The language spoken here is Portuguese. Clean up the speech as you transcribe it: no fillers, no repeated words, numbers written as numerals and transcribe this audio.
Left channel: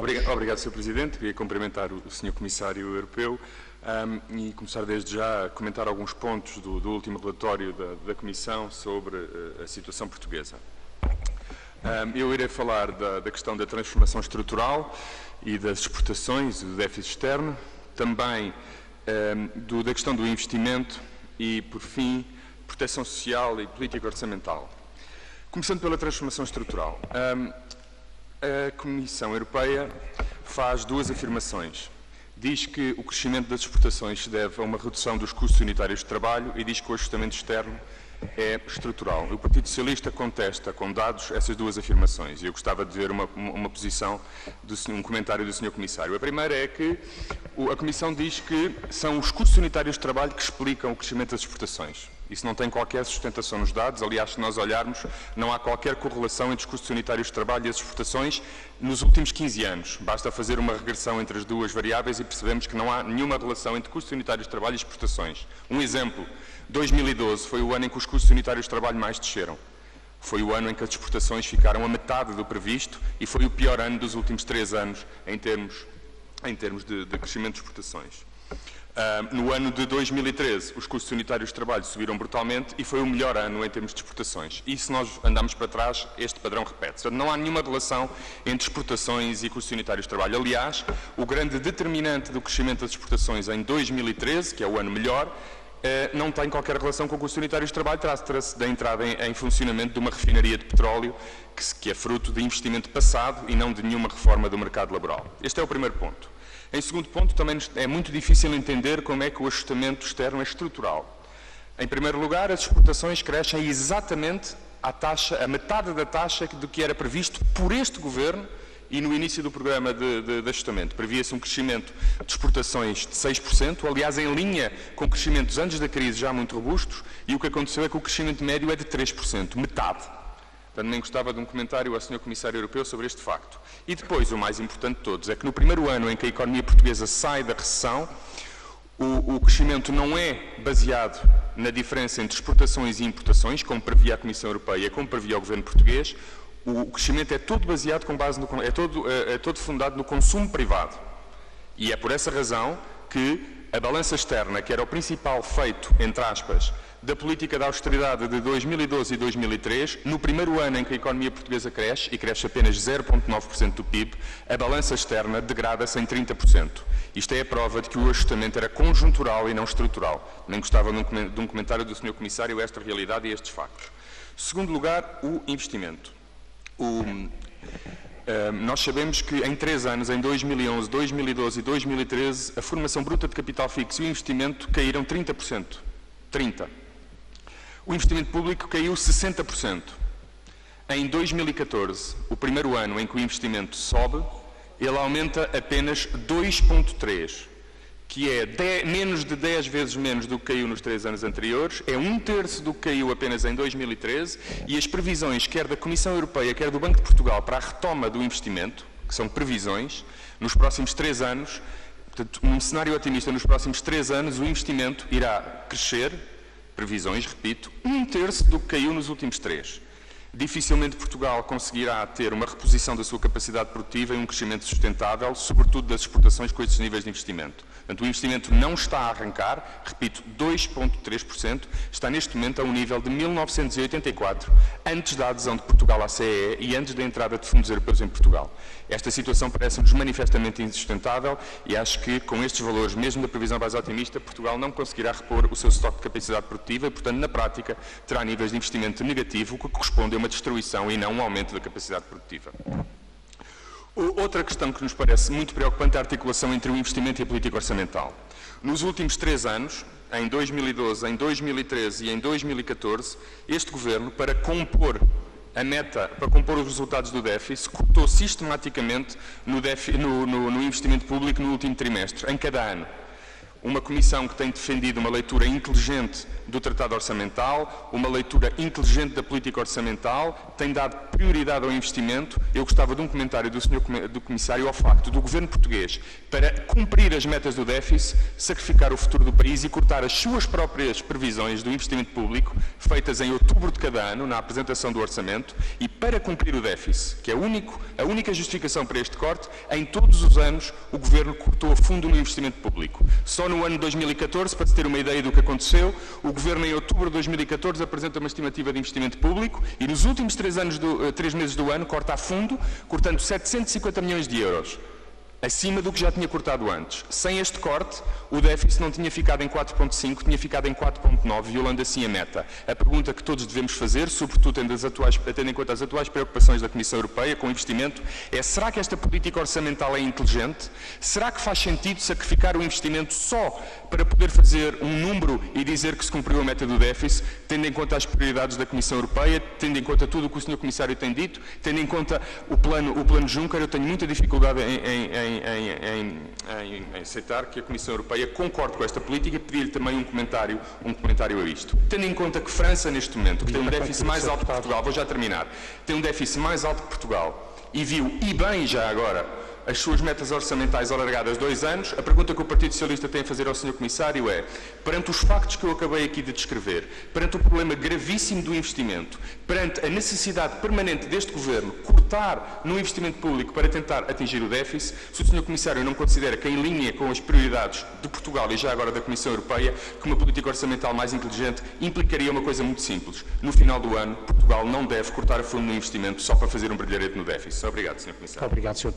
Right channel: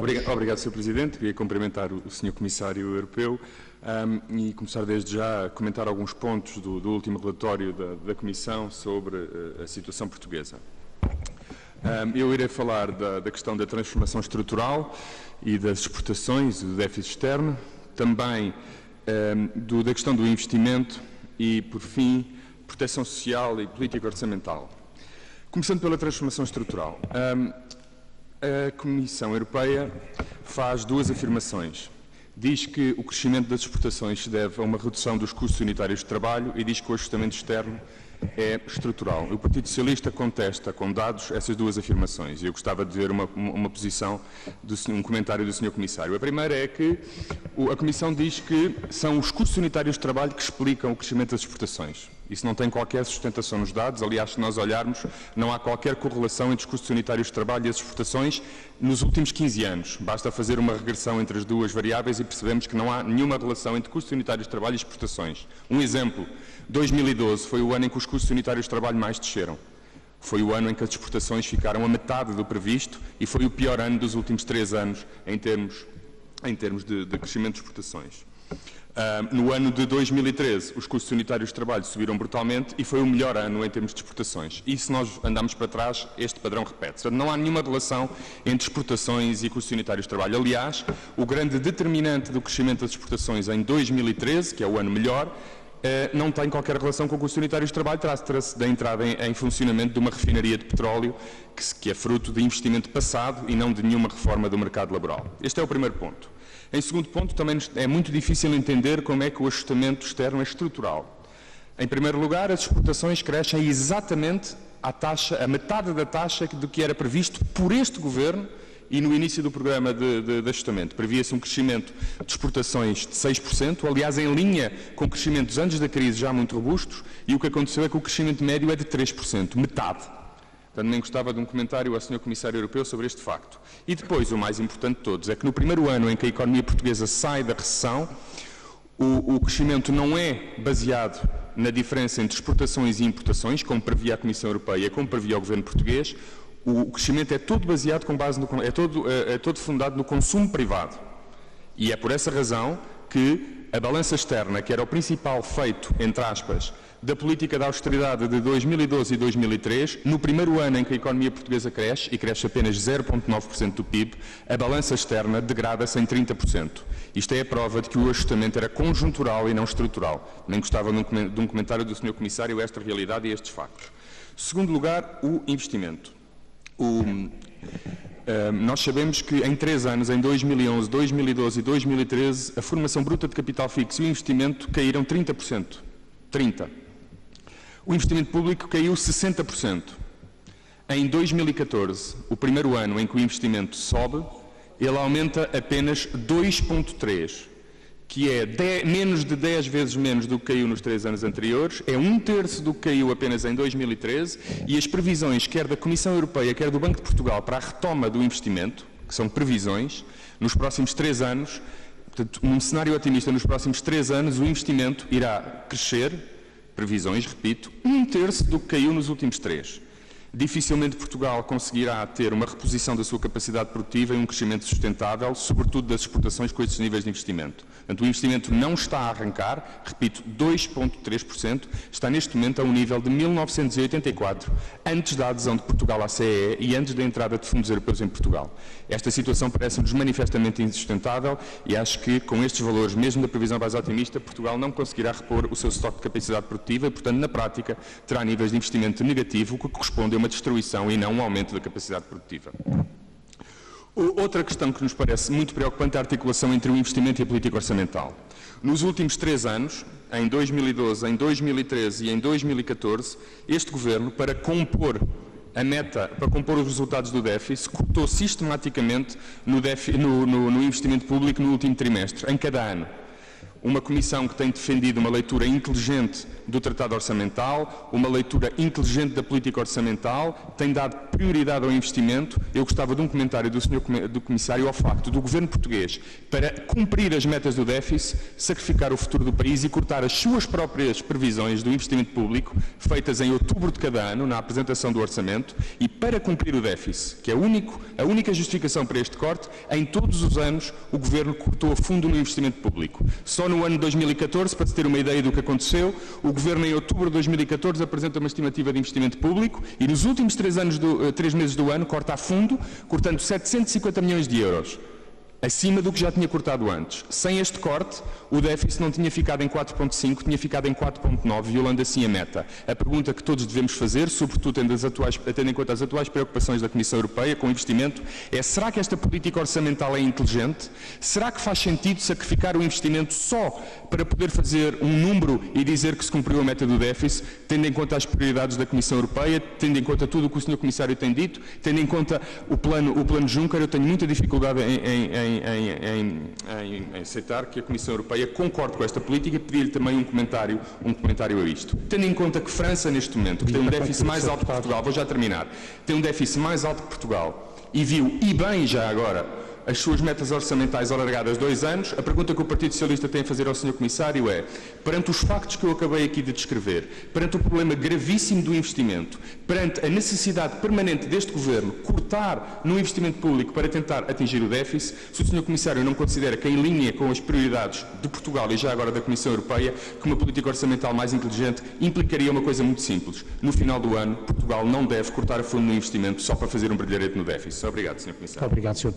Obrigado, Sr. Presidente. Queria cumprimentar o Sr. Comissário Europeu e começar desde já a comentar alguns pontos do último relatório da Comissão sobre a situação portuguesa. Eu irei falar da questão da transformação estrutural e das exportações e do déficit externo, também da questão do investimento e, por fim, proteção social e política orçamental. Começando pela transformação estrutural. A Comissão Europeia faz duas afirmações. Diz que o crescimento das exportações se deve a uma redução dos custos unitários de trabalho e diz que o ajustamento externo é estrutural. O Partido Socialista contesta com dados essas duas afirmações e eu gostava de ver uma posição, um comentário do Sr. Comissário. A primeira é que a Comissão diz que são os custos unitários de trabalho que explicam o crescimento das exportações. Isso não tem qualquer sustentação nos dados. Aliás, se nós olharmos, não há qualquer correlação entre os custos unitários de trabalho e as exportações nos últimos 15 anos. Basta fazer uma regressão entre as duas variáveis e percebemos que não há nenhuma relação entre custos unitários de trabalho e exportações. Um exemplo, 2012 foi o ano em que os custos unitários de trabalho mais desceram. Foi o ano em que as exportações ficaram a metade do previsto e foi o pior ano dos últimos 3 anos em termos de crescimento de exportações. No ano de 2013, os custos unitários de trabalho subiram brutalmente e foi o melhor ano em termos de exportações. E se nós andarmos para trás, este padrão repete-se. Não há nenhuma relação entre exportações e custos unitários de trabalho. Aliás, o grande determinante do crescimento das exportações em 2013, que é o ano melhor, não tem qualquer relação com custos unitários de trabalho, trata-se da entrada em funcionamento de uma refinaria de petróleo que é fruto de investimento passado e não de nenhuma reforma do mercado laboral. Este é o primeiro ponto. Em segundo ponto, também é muito difícil entender como é que o ajustamento externo é estrutural. Em primeiro lugar, as exportações crescem exatamente a metade da taxa do que era previsto por este Governo e no início do programa de ajustamento. Previa-se um crescimento de exportações de 6%, aliás, em linha com crescimentos antes da crise já muito robustos, e o que aconteceu é que o crescimento médio é de 3%, metade. Também gostava de um comentário ao Sr. Comissário Europeu sobre este facto. E depois, o mais importante de todos, é que no primeiro ano em que a economia portuguesa sai da recessão, o crescimento não é baseado na diferença entre exportações e importações, como previa a Comissão Europeia, como previa o Governo português. O crescimento é todo baseado é todo fundado no consumo privado. E é por essa razão que a balança externa, que era o principal feito, entre aspas, da política de austeridade de 2012 e 2003, no primeiro ano em que a economia portuguesa cresce, e cresce apenas 0,9% do PIB, a balança externa degrada-se em 30%. Isto é a prova de que o ajustamento era conjuntural e não estrutural. Nem gostava de um comentário do Sr. Comissário a esta realidade e a estes factos. Segundo lugar, o investimento. Nós sabemos que em 3 anos, em 2011, 2012 e 2013, a formação bruta de capital fixo e o investimento caíram 30%. 30%. O investimento público caiu 60%. Em 2014, o primeiro ano em que o investimento sobe, ele aumenta apenas 2,3%, que é menos de 10 vezes menos do que caiu nos 3 anos anteriores, é 1/3 do que caiu apenas em 2013, e as previsões, quer da Comissão Europeia, quer do Banco de Portugal, para a retoma do investimento, que são previsões, nos próximos 3 anos, portanto, num cenário otimista, nos próximos 3 anos, o investimento irá crescer, previsões, repito, 1/3 do que caiu nos últimos 3. Dificilmente Portugal conseguirá ter uma reposição da sua capacidade produtiva e um crescimento sustentável, sobretudo das exportações com estes níveis de investimento. Portanto, o investimento não está a arrancar, repito, 2,3%, está neste momento a um nível de 1984, antes da adesão de Portugal à CEE e antes da entrada de fundos europeus em Portugal. Esta situação parece-nos manifestamente insustentável e acho que, com estes valores, mesmo da previsão mais otimista, Portugal não conseguirá repor o seu estoque de capacidade produtiva e, portanto, na prática, terá níveis de investimento negativo, o que corresponde a uma destruição e não um aumento da capacidade produtiva. Outra questão que nos parece muito preocupante é a articulação entre o investimento e a política orçamental. Nos últimos 3 anos, em 2012, em 2013 e em 2014, este Governo, para compor os resultados do déficit, cortou sistematicamente no investimento público no último trimestre, em cada ano. uma Comissão que tem defendido uma leitura inteligente do Tratado Orçamental, uma leitura inteligente da política orçamental, tem dado prioridade ao investimento. Eu gostava de um comentário do Comissário ao facto do Governo português, para cumprir as metas do déficit, sacrificar o futuro do país e cortar as suas próprias previsões do investimento público, feitas em outubro de cada ano, na apresentação do Orçamento, e para cumprir o déficit, que é a única justificação para este corte, em todos os anos o Governo cortou a fundo no investimento público. Só no ano 2014, para se ter uma ideia do que aconteceu, o Governo em outubro de 2014 apresenta uma estimativa de investimento público e nos últimos 3 meses do ano corta a fundo, cortando 750 milhões de euros. Acima do que já tinha cortado antes. Sem este corte, o déficit não tinha ficado em 4,5, tinha ficado em 4,9, violando assim a meta. A pergunta que todos devemos fazer, sobretudo tendo em conta as atuais preocupações da Comissão Europeia com o investimento, é: será que esta política orçamental é inteligente? Será que faz sentido sacrificar o investimento só para poder fazer um número e dizer que se cumpriu a meta do déficit, tendo em conta as prioridades da Comissão Europeia, tendo em conta tudo o que o Sr. Comissário tem dito, tendo em conta o plano Juncker? Eu tenho muita dificuldade em aceitar que a Comissão Europeia concorde com esta política e pedir-lhe também um comentário a isto. Tendo em conta que França, neste momento, que tem um déficit mais alto que Portugal, vou já terminar, tem um déficit mais alto que Portugal e viu, e bem já agora, as suas metas orçamentais alargadas 2 anos, a pergunta que o Partido Socialista tem a fazer ao Sr. Comissário é: perante os factos que eu acabei aqui de descrever, perante o problema gravíssimo do investimento, perante a necessidade permanente deste Governo cortar no investimento público para tentar atingir o déficit, se o Sr. Comissário não considera que, em linha com as prioridades de Portugal e já agora da Comissão Europeia, que uma política orçamental mais inteligente implicaria uma coisa muito simples: no final do ano, Portugal não deve cortar a fundo no investimento só para fazer um brilharete no déficit. Obrigado, Sr. Comissário. Obrigado, Sr.